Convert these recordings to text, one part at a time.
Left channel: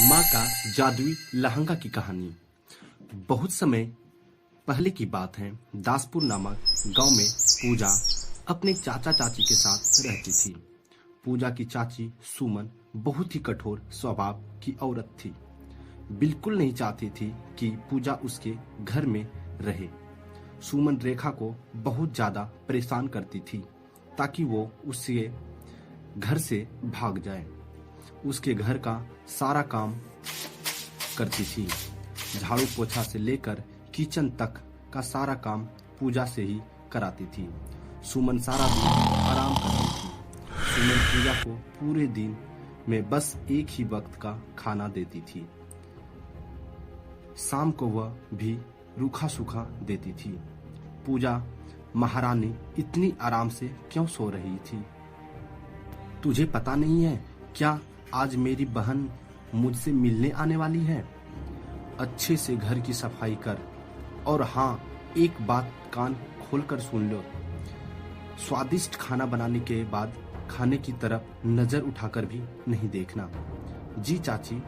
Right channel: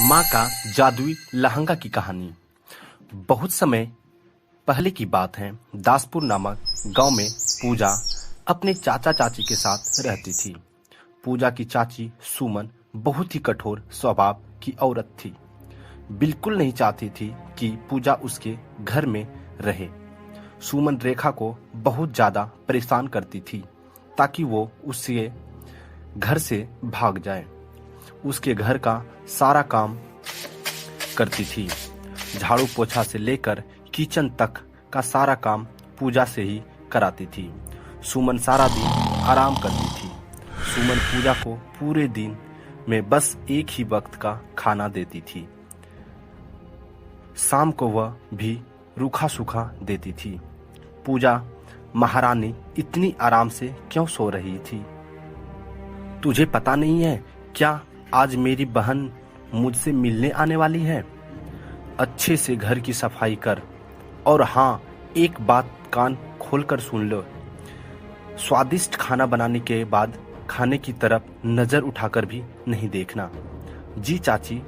माँ का जादुई लहंगा की कहानी। बहुत समय पहले की बात है। दासपुर नामक गांव में पूजा अपने चाचा चाची के साथ रहती थी। पूजा की चाची सुमन बहुत ही कठोर स्वभाव की औरत थी। बिल्कुल नहीं चाहती थी कि पूजा उसके घर में रहे। सुमन रेखा को बहुत ज्यादा परेशान करती थी ताकि वो उसके घर से भाग जाए। उसके घर का सारा काम करती थी। झाड़ू पोछा से लेकर किचन तक का सारा काम पूजा से ही कराती थी। सुमन सारा दिन आराम करती थी। सुमन पूजा को पूरे दिन में बस एक ही वक्त का खाना देती थी। शाम को वह भी रूखा सूखा देती थी। पूजा महारानी इतनी आराम से क्यों सो रही थी? तुझे पता नहीं है क्या आज मेरी बहन मुझसे मिलने आने वाली है? अच्छे से घर की सफाई कर। और हाँ, एक बात कान खोलकर सुन लो। स्वादिष्ट खाना बनाने के बाद खाने की तरफ नजर उठाकर भी नहीं देखना। जी चाची,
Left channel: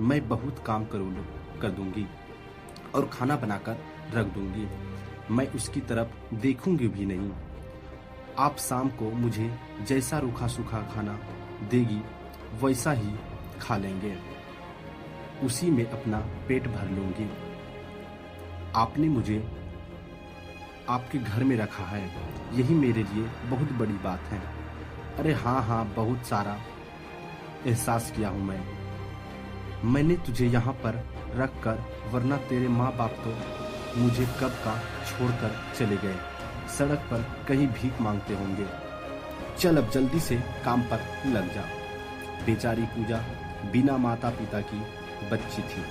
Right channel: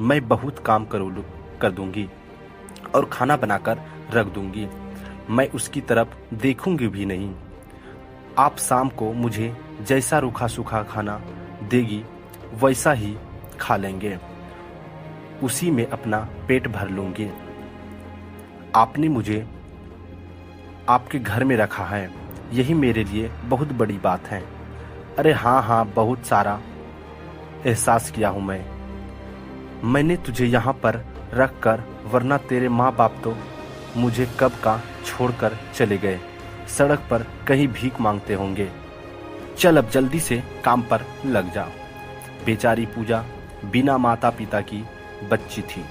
मैं बहुत काम कर दूंगी और खाना बनाकर रख दूंगी। मैं उसकी तरफ देखूंगी भी नहीं। आप शाम को मुझे जैसा रूखा सूखा खाना देगी वैसा ही खा लेंगे। उसी में अपना पेट भर लूंगी। आपने मुझे आपके घर में रखा है, यही मेरे लिए बहुत बड़ी बात है। अरे हाँ, बहुत सारा एहसास किया हूँ मैंने तुझे यहाँ पर रख कर, वरना तेरे माँ बाप तो मुझे कब का छोड़कर चले गए। सड़क पर कहीं भीख मांगते होंगे। चल अब जल्दी से काम पर लग जा। बेचारी पूजा बिना माता पिता की बच्ची थी।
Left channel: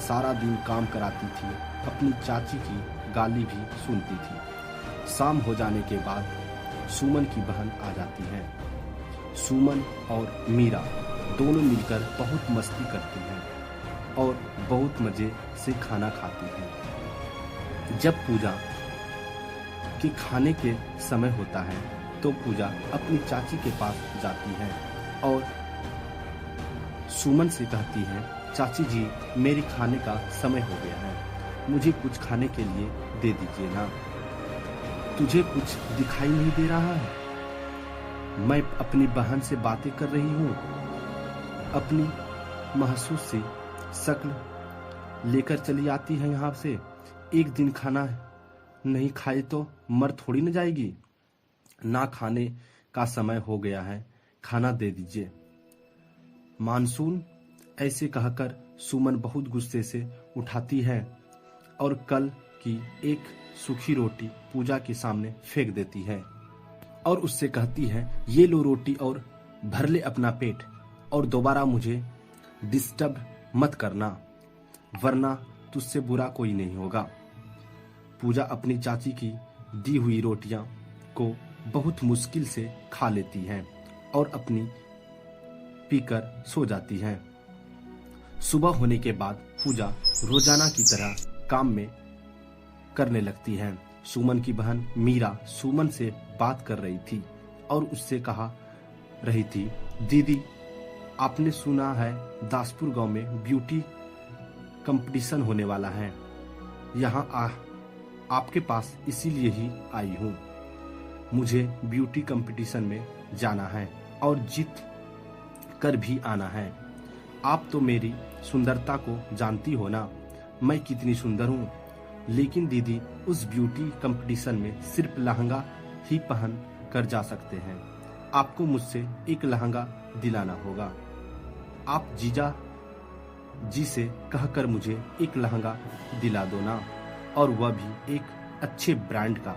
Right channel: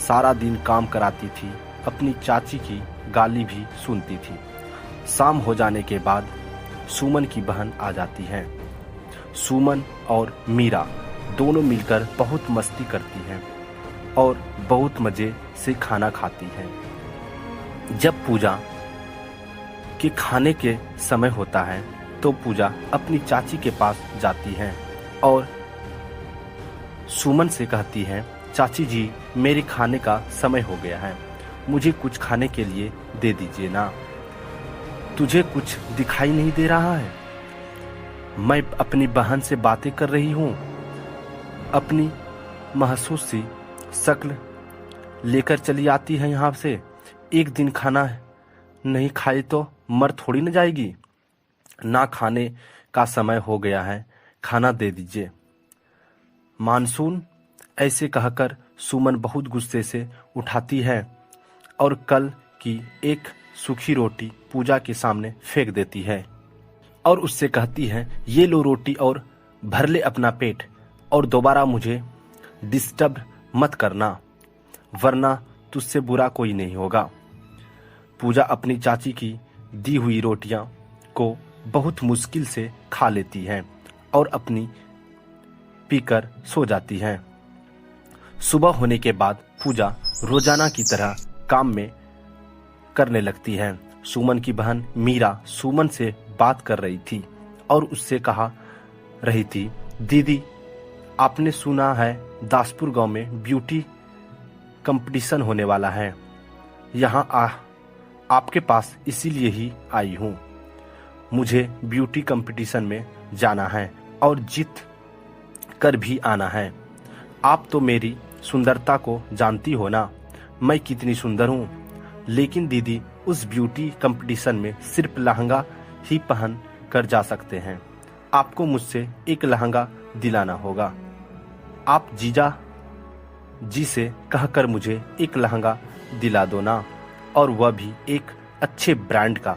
सारा दिन काम कराती थी। अपनी चाची की गाली भी सुनती थी। शाम हो जाने के बाद सुमन की बहन आ जाती है। सुमन और मीरा दोनों मिलकर बहुत मस्ती करती हैं और बहुत मजे से खाना खाती हैं। जब पूजा के खाने के समय होता है तो पूजा अपनी चाची के पास जाती है और सुमन से कहती है, चाची जी, मेरे खाने का समय हो गया है, मुझे कुछ खाने के लिए दे दीजिए ना। तुझे कुछ दिखाई नहीं दे रहा है? मैं अपनी बहन से बातें कर रही हूँ। अपनी महसूस सी शक्ल लेकर चली आती है यहाँ से। एक दिन खाना नहीं खाई तो मर थोड़ी न जाएगी। ना खाने का समय हो गया है, खाना दे दीजिए। मानसून, ऐसे कहकर सुमन बहुत गुस्से से उठाती है और कल की एक सूखी रोटी पूजा के सामने फेंक देती है और उससे कहती है, ये लो रोटी और भर ले अपना पेट, और दोबारा मुझे डिस्टर्ब मत करना, वरना तुझसे बुरा कोई नहीं होगा। पूजा अपनी चाची की दी हुई रोटियां को बहुत मुश्किल से खा लेती है और अपनी पीकर सो जाती है। सुबह होने के बाद पूजा रोजाना की तरह काम में करने लगती है। सुमन की बहन मीरा सुमन से बात कर रही थी और उससे कहा रही थी, दीदी, आपने सुना है दासपुर गांव में ब्यूटी कंपटीशन होने वाला है। यहाँ आपके पास इसीलिए ही आई हूँ। मुझे ब्यूटी कंपटीशन में जाना है और जीत कर भी आना है। आप तो मेरी सुंदरता को जानती हो ना, मैं कितनी सुंदर हूँ। लेकिन दीदी, उस ब्यूटी कंपटीशन में सिर्फ लहंगा ही पहन कर जा सकते हैं। आपको मुझसे एक लहंगा दिलाना होगा। आप जीजा जी से कहकर मुझे एक लहंगा दिला दो ना, और वह भी एक अच्छे ब्रांड का।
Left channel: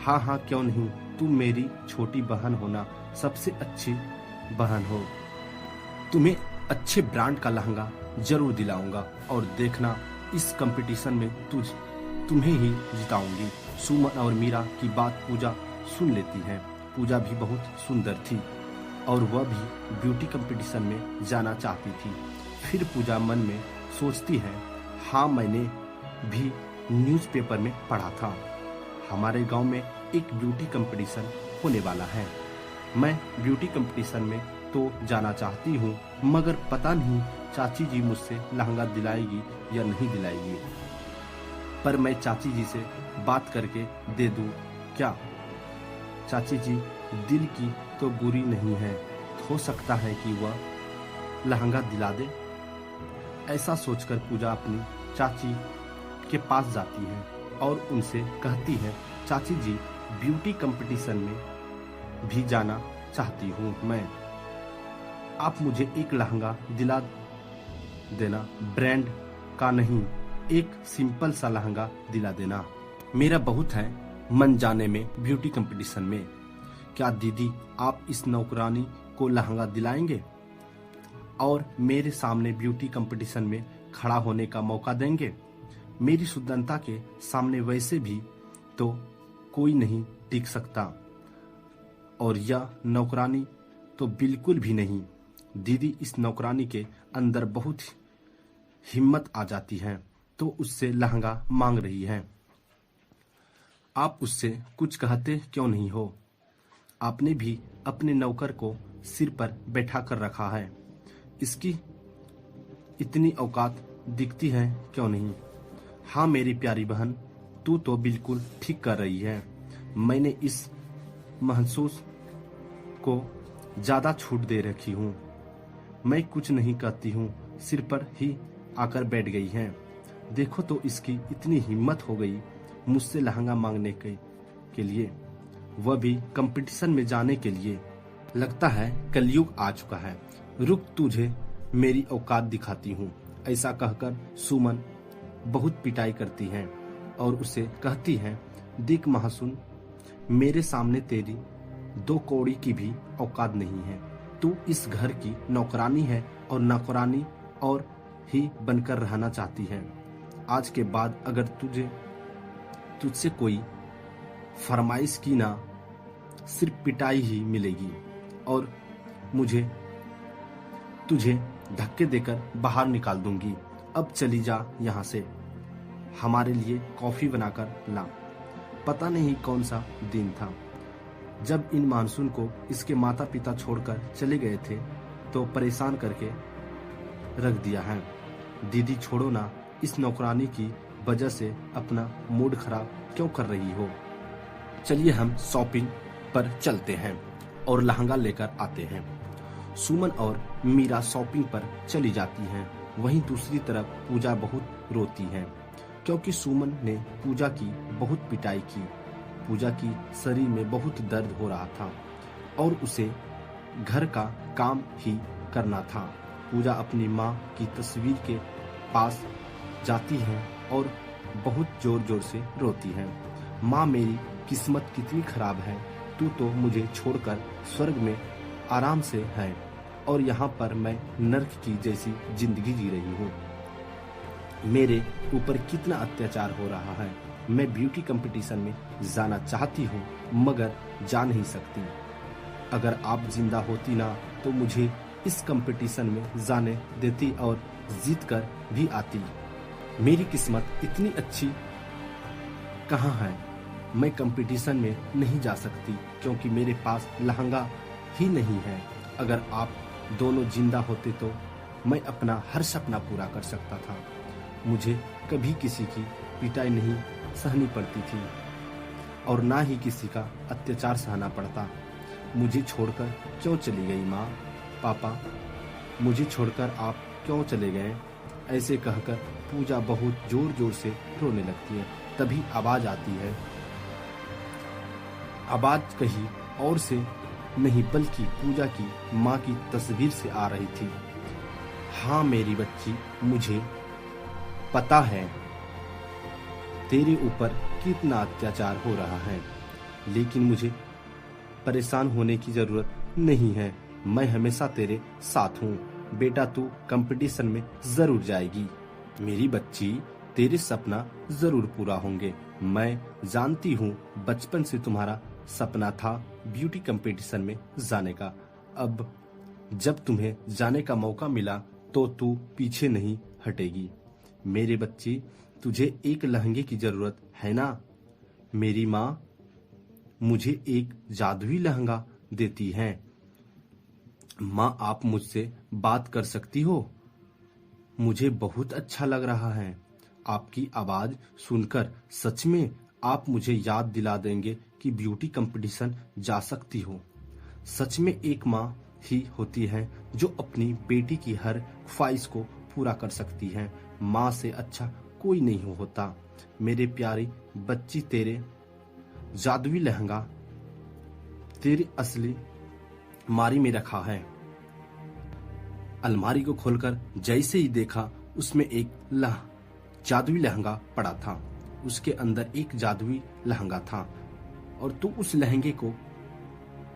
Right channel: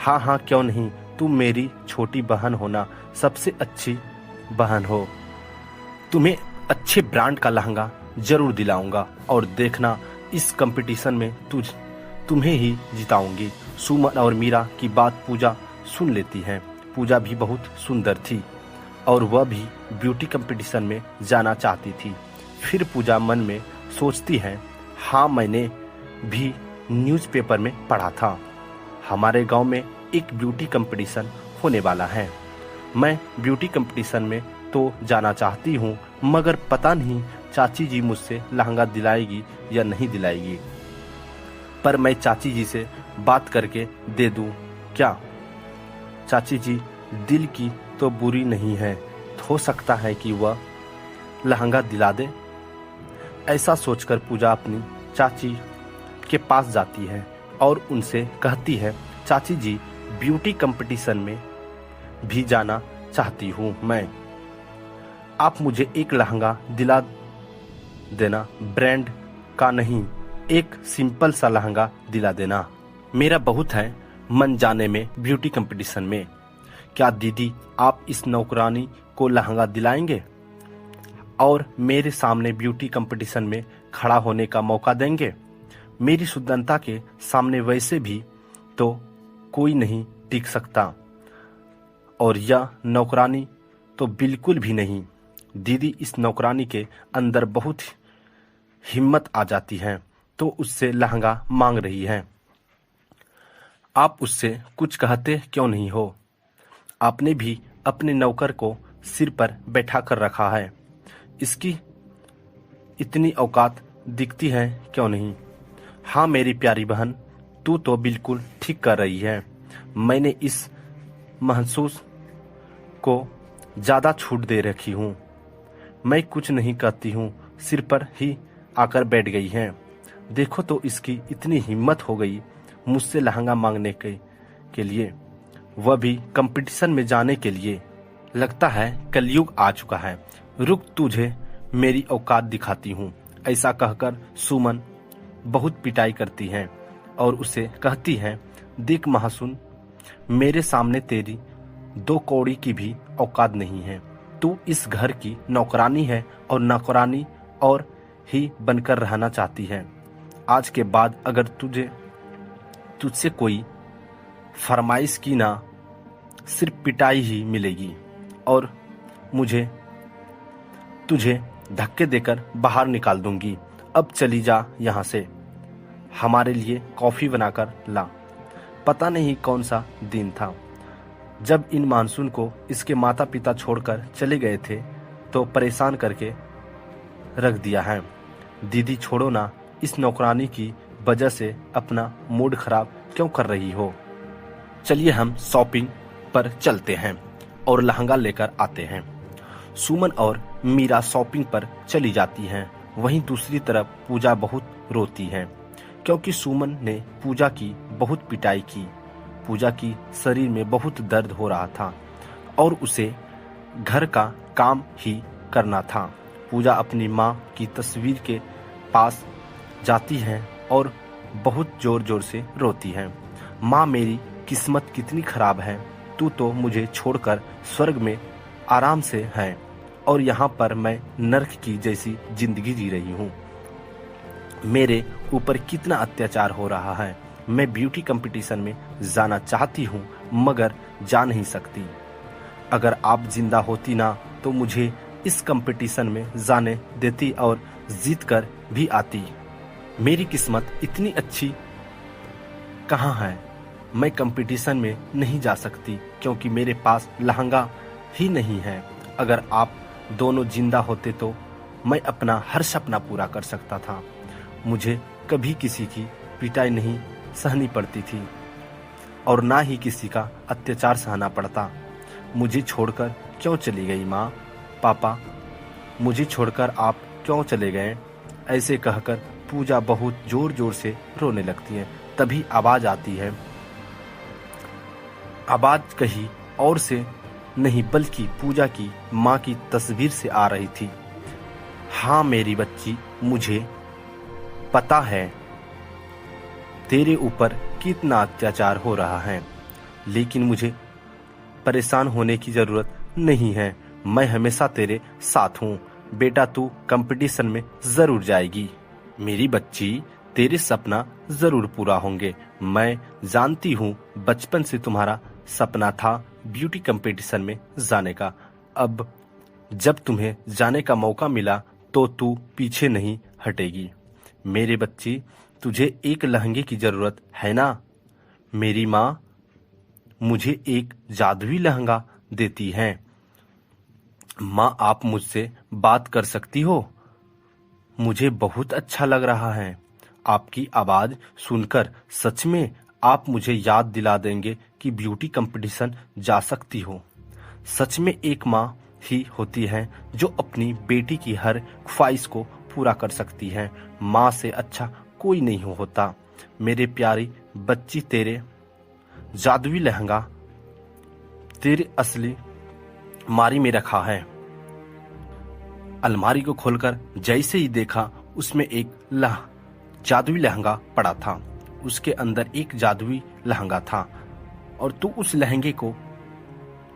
हाँ, क्यों नहीं, तुम मेरी छोटी बहन हो ना, सबसे अच्छी बहन हो। तुम्हें अच्छे ब्रांड का लहंगा जरूर दिलाऊंगा और देखना, इस कंपटीशन में तुम्हें ही जिताऊंगी। सुमन और मीरा की बात पूजा सुन लेती है। पूजा भी बहुत सुंदर थी और वह भी ब्यूटी कंपटीशन में जाना चाहती थी। फिर पूजा मन में सोचती है, हाँ, मैंने भी न्यूज़पेपर में पढ़ा था, हमारे गांव में एक ब्यूटी कंपटीशन होने वाला है। मैं ब्यूटी कंपटीशन में तो जाना चाहती हूँ, मगर पता नहीं चाची जी मुझसे लहंगा दिलाएगी या नहीं दिलाएगी, पर मैं चाची जी से बात करके दे दूं क्या? चाची जी दिल की तो बुरी नहीं है, हो सकता है कि वह लहंगा दिला दे। ऐसा सोचकर पूजा अपनी चाची के पास जाती है और उनसे कहती है, चाची जी ब्यूटी कंपटीशन में भी जाना चाहती हूँ मैं, आप मुझे एक लहंगा दिला देना, ब्रांड का नहीं, एक सिंपल सा लहंगा दिला देना। मेरा बहुत है मन जाने में ब्यूटी कंपटीशन में। क्या दीदी आप इस नौकरानी को लहंगा दिलाएंगे और मेरे सामने ब्यूटी कंपटीशन में खड़ा होने का मौका देंगे? मेरी सुंदरता के सामने वैसे भी तो कोई नहीं टिक सकता, और यह नौकरानी तो बिल्कुल भी नहीं। दीदी इस नौकरानी के अंदर बहुत हिम्मत आ जाती है, तो उससे लहंगा मांग रही है। आप उससे कुछ कहते क्यों नहीं हो? आपने भी अपने नौकर को सिर पर बैठा कर रखा है, इसकी इतनी औकात दिखती है क्यों नहीं? हाँ मेरी प्यारी बहन, तू तो बिल्कुल ठीक कर रही है। मैंने इस महसूस को ज़्यादा छूट दे रखी हूँ। मैं कुछ नहीं कहती हूँ, सिर पर ही आकर बैठ गई है। देखो तो इसकी इतनी हिम्मत हो गई मुझसे लहंगा मांगने के लिए, वह भी कंपटीशन में जाने के लिए। लगता है कलयुग आ चुका है, रुक तुझे मेरी औकात दिखाती हूँ। ऐसा कहकर सुमन बहुत पिटाई करती है और उसे कहती है, देख महासुन, मेरे सामने तेरी 2 कौड़ी की भी औकात नहीं है। तू इस घर की नौकरानी है और नौकरानी और ही बनकर रहना चाहती है। आज के बाद अगर तुझसे कोई फरमाइश की ना, सिर्फ पिटाई ही मिलेगी और मुझे तुझे धक्के देकर बाहर निकाल दूंगी। अब चली जा यहाँ से, हमारे लिए कॉफी बनाकर ला। पता नहीं कौन सा दिन था जब इन मानसून को इसके माता पिता छोड़कर चले गए थे, तो परेशान करके रख दिया है। दीदी छोड़ो ना, इस नौकरानी की वजह से अपना मूड खराब क्यों कर रही हो? चलिए हम शॉपिंग पर चलते हैं और लहंगा लेकर आते हैं। सुमन और मीरा शॉपिंग पर चली जाती हैं। वहीं दूसरी तरफ पूजा बहुत रोती है, क्योंकि सुमन ने पूजा की बहुत पिटाई की। पूजा की शरीर में बहुत दर्द हो रहा था और उसे घर का काम ही करना था। पूजा अपनी माँ की तस्वीर के पास जाती है और बहुत जोर जोर से रोती है। माँ मेरी किस्मत कितनी खराब है, तू तो मुझे छोड़कर स्वर्ग में आराम से है और यहाँ पर मैं नर्क की जैसी जिंदगी जी रही हूँ। मेरे ऊपर कितना अत्याचार हो रहा है। मैं ब्यूटी कंपटीशन में जाना चाहती हूँ मगर जा नहीं सकती। अगर आप जिंदा होती ना तो मुझे इस कंपटीशन में जाने देती और जीत कर भी आती। मेरी किस्मत इतनी अच्छी कहाँ है? मैं कंपटीशन में नहीं जा सकती क्योंकि मेरे पास लहंगा ही नहीं है। अगर आप दोनों जिंदा होते तो मैं अपना हर सपना पूरा कर सकता था। मुझे कभी किसी की पिटाई नहीं सहनी पड़ती थी और ना ही किसी का अत्याचार सहना पड़ता। मुझे छोड़कर क्यों चली गई माँ? पापा, मुझे छोड़कर आप क्यों चले गए? ऐसे कहकर पूजा बहुत जोर जोर से रोने लगती है। तभी आवाज आती है। आवाज कहीं और से नहीं बल्कि पूजा की माँ की तस्वीर से आ रही थी। हाँ मेरी बच्ची, मुझे पता है तेरे ऊपर कितना अत्याचार हो रहा है, लेकिन मुझे परेशान होने की जरूरत नहीं है। मैं हमेशा तेरे साथ हूँ। बेटा तू कंपटीशन में जरूर जाएगी। मेरी बच्ची, तेरे सपना जरूर पूरा होंगे। मैं जानती हूँ बचपन से तुम्हारा सपना था ब्यूटी कंपटीशन में जाने का। अब जब तुम्हें जाने का मौका मिला तो तू पीछे नहीं हटेगी। मेरे बच्ची, तुझे एक लहंगे की जरूरत है ना? मेरी माँ मुझे एक जादुई लहंगा देती है। माँ आप मुझसे बात कर सकती हो? मुझे बहुत अच्छा लग रहा है। आपकी आवाज सुनकर सच में आप मुझे याद दिला देंगे कि ब्यूटी कंपटीशन जा सकती हो। सच में एक माँ ही होती है जो अपनी बेटी की हर ख्वाहिश को पूरा कर सकती है। माँ से अच्छा कोई नहीं होता। मेरे प्यारी बच्ची, तेरे जादुई लहंगा तेरे असली अलमारी में रखा है। अलमारी को खोलकर जैसे ही देखा, उसमें एक जादुई लहंगा पड़ा था। उसके अंदर एक जादुई लहंगा था और तू उस लहंगे को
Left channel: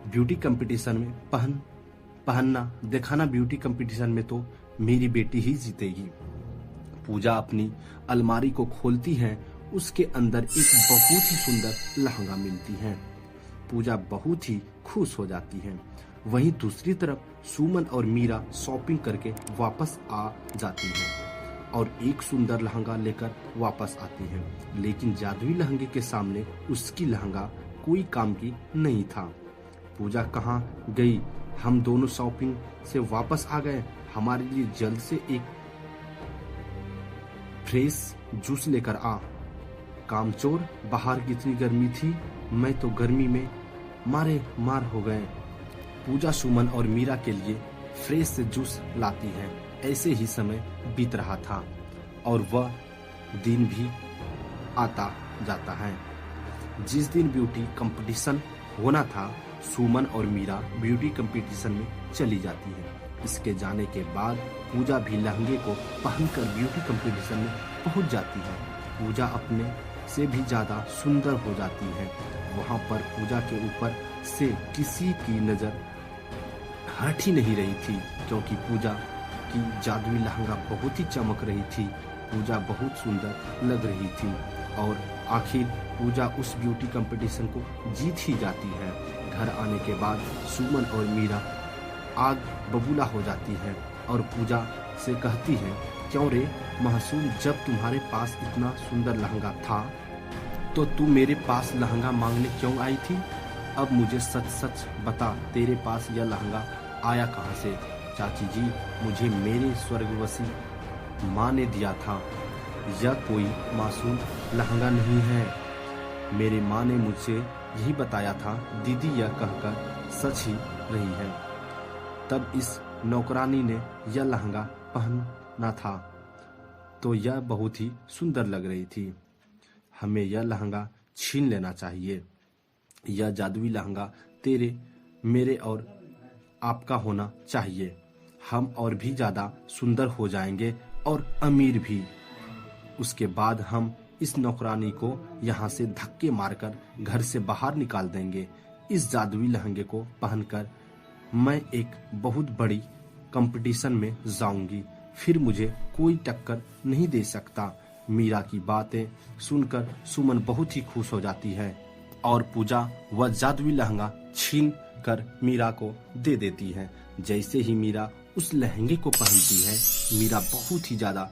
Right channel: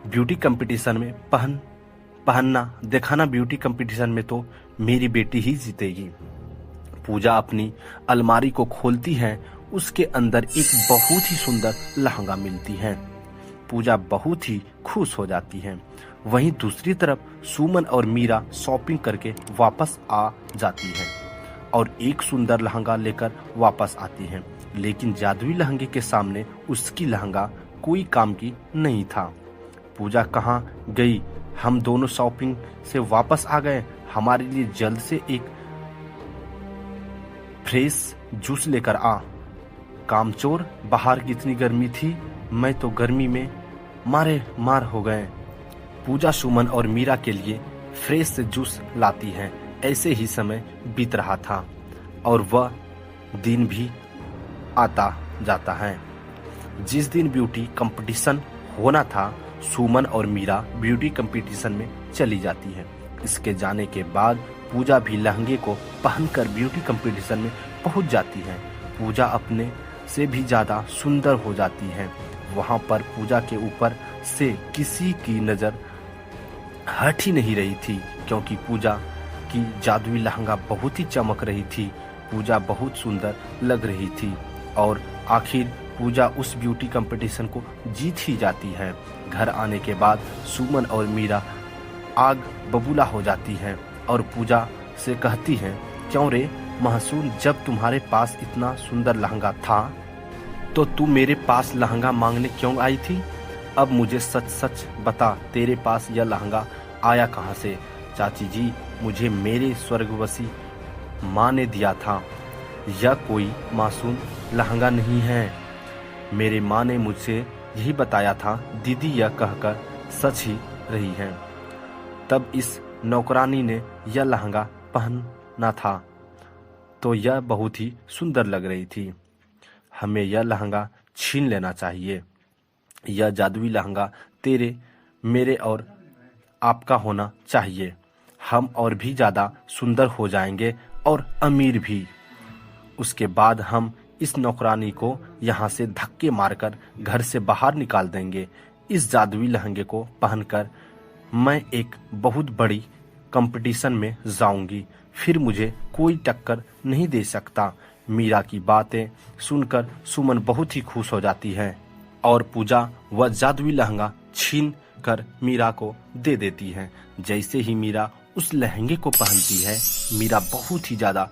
ब्यूटी कंपटीशन में पहनना दिखाना। ब्यूटी कंपटीशन में तो मेरी बेटी ही जीतेगी। पूजा अपनी अलमारी को खोलती है। उसके अंदर एक बहुत ही सुंदर लहंगा मिलती है। पूजा बहुत ही खुश हो जाती है। वहीं दूसरी तरफ सुमन और मीरा शॉपिंग करके वापस आ जाती है और एक सुंदर लहंगा लेकर वापस आती हैं। लेकिन जादुई लहंगे के सामने उसकी लहंगा कोई काम की नहीं था। पूजा कहाँ गई? हम दोनों शॉपिंग से वापस आ गए। हमारे लिए जल्द से एक फ्रेश जूस लेकर आ। कामचोर, बाहर कितनी गर्मी थी, मैं तो गर्मी में मार हो गए। पूजा सुमन और मीरा के लिए फ्रेश जूस लाती है। ऐसे ही समय बीत रहा था और वह दिन भी आता जाता है। जिस दिन ब्यूटी कंपटीशन होना था, सुमन और मीरा ब्यूटी कंपटीशन में चली जाती है। इसके जाने के बाद पूजा भी लहंगे को पहनकर ब्यूटी कंपटीशन में पहुंच जाती है। पूजा अपने से भी ज्यादा सुंदर हो जाती है। वहां पर पूजा के ऊपर से किसी की नजर हट ही नहीं रही थी, क्योंकि पूजा की जादुई लहंगा बहुत ही चमक रही थी। पूजा बहुत सुंदर लग रही थी और आखिर पूजा उस ब्यूटी कंपटीशन को जीत ही जाती है। घर आने के बाद सुमन और मीरा आग बबूला हो जाती हैं और पूजा से कहती हैं, क्यों रे महसून, जब तुम्हारे पास इतना सुंदर लहंगा था तो तू मेरे पास लहंगा मांगने क्यों आई थी? अब मुझे सच सच बता, तेरे पास यह लहंगा आया कहाँ से? चाची जी, मुझे मेरे स्वर्गवासी माँ ने दिया था। यह कोई मासूम लहंगा नहीं है। मेरे माँ ने मुझसे यही बताया था। दीदी यह कहकर सच ही रही है। तब इस नौकरानी ने यह लहंगा पहना था तो यह बहुत ही सुंदर लग रही थी। हमें यह लहंगा छीन लेना चाहिए। यह जादुई लहंगा तेरे, मेरे और आपका होना चाहिए। हम और भी ज्यादा सुंदर हो जाएंगे और अमीर भी। उसके बाद हम इस नौकरानी को यहाँ से धक्के मारकर घर से बाहर निकाल देंगे। इस जादुई लहंगे को पहनकर मैं एक बहुत बड़ी कंपटीशन में जाऊंगी, फिर मुझे कोई टक्कर नहीं दे सकता। मीरा की बातें सुनकर सुमन बहुत ही खुश हो जाती है और पूजा वह जादुई लहंगा छीन कर मीरा को दे देती है। जैसे ही मीरा उस लहंगे को पहनती है, मीरा बहुत ही ज्यादा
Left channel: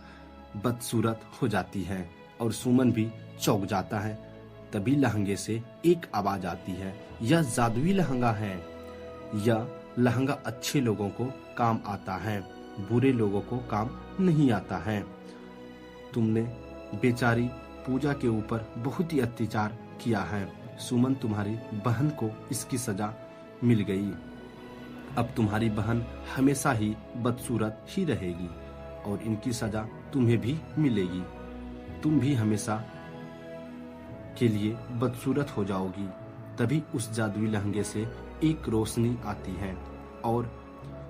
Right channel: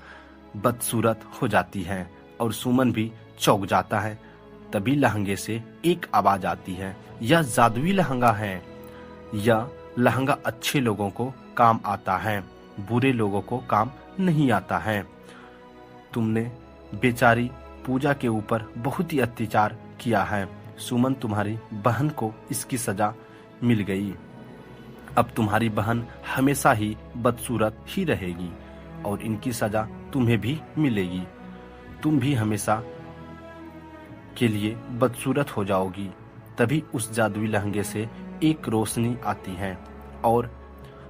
बदसूरत हो जाती है और सुमन भी चौंक जाता है। तभी लहंगे से एक आवाज आती है, यह जादुई लहंगा है। यह लहंगा अच्छे लोगों को काम आता है, बुरे लोगों को काम नहीं आता है। तुमने बेचारी पूजा के ऊपर बहुत ही अत्याचार किया है। सुमन, तुम्हारी बहन को इसकी सजा मिल गई। अब तुम्हारी बहन हमेशा ही बदसूरत ही रहेगी और इनकी सजा तुम्हें भी मिलेगी। तुम भी हमेशा के लिए बदसूरत हो जाओगी। तभी उस जादुई लहंगे से एक रोशनी आती है और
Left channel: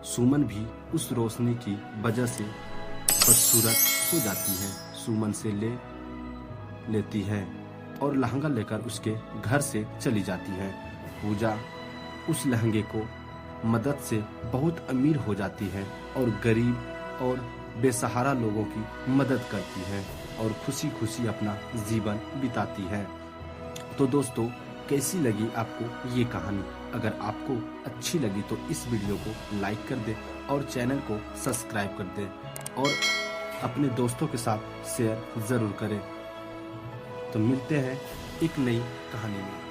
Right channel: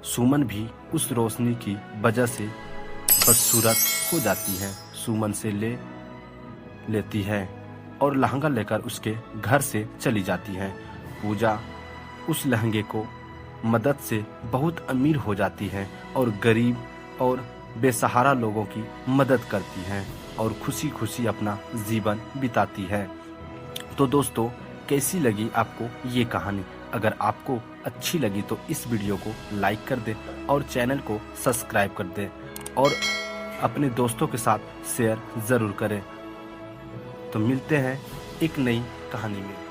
सुमन भी उस रोशनी की वजह से बदसूरत हो जाती है। सुमन से लेती है और लहंगा लेकर उसके घर से चली जाती है। पूजा उस लहंगे को मदद से बहुत अमीर हो जाती है और गरीब और बेसहारा लोगों की मदद करती है और खुशी खुशी अपना जीवन बिताती है। तो दोस्तों, कैसी लगी आपको ये कहानी? अगर आपको अच्छी लगी तो इस वीडियो को लाइक कर दें और चैनल को सब्सक्राइब कर दें और अपने दोस्तों के साथ शेयर ज़रूर करें। तो मिलते हैं एक नई कहानी में।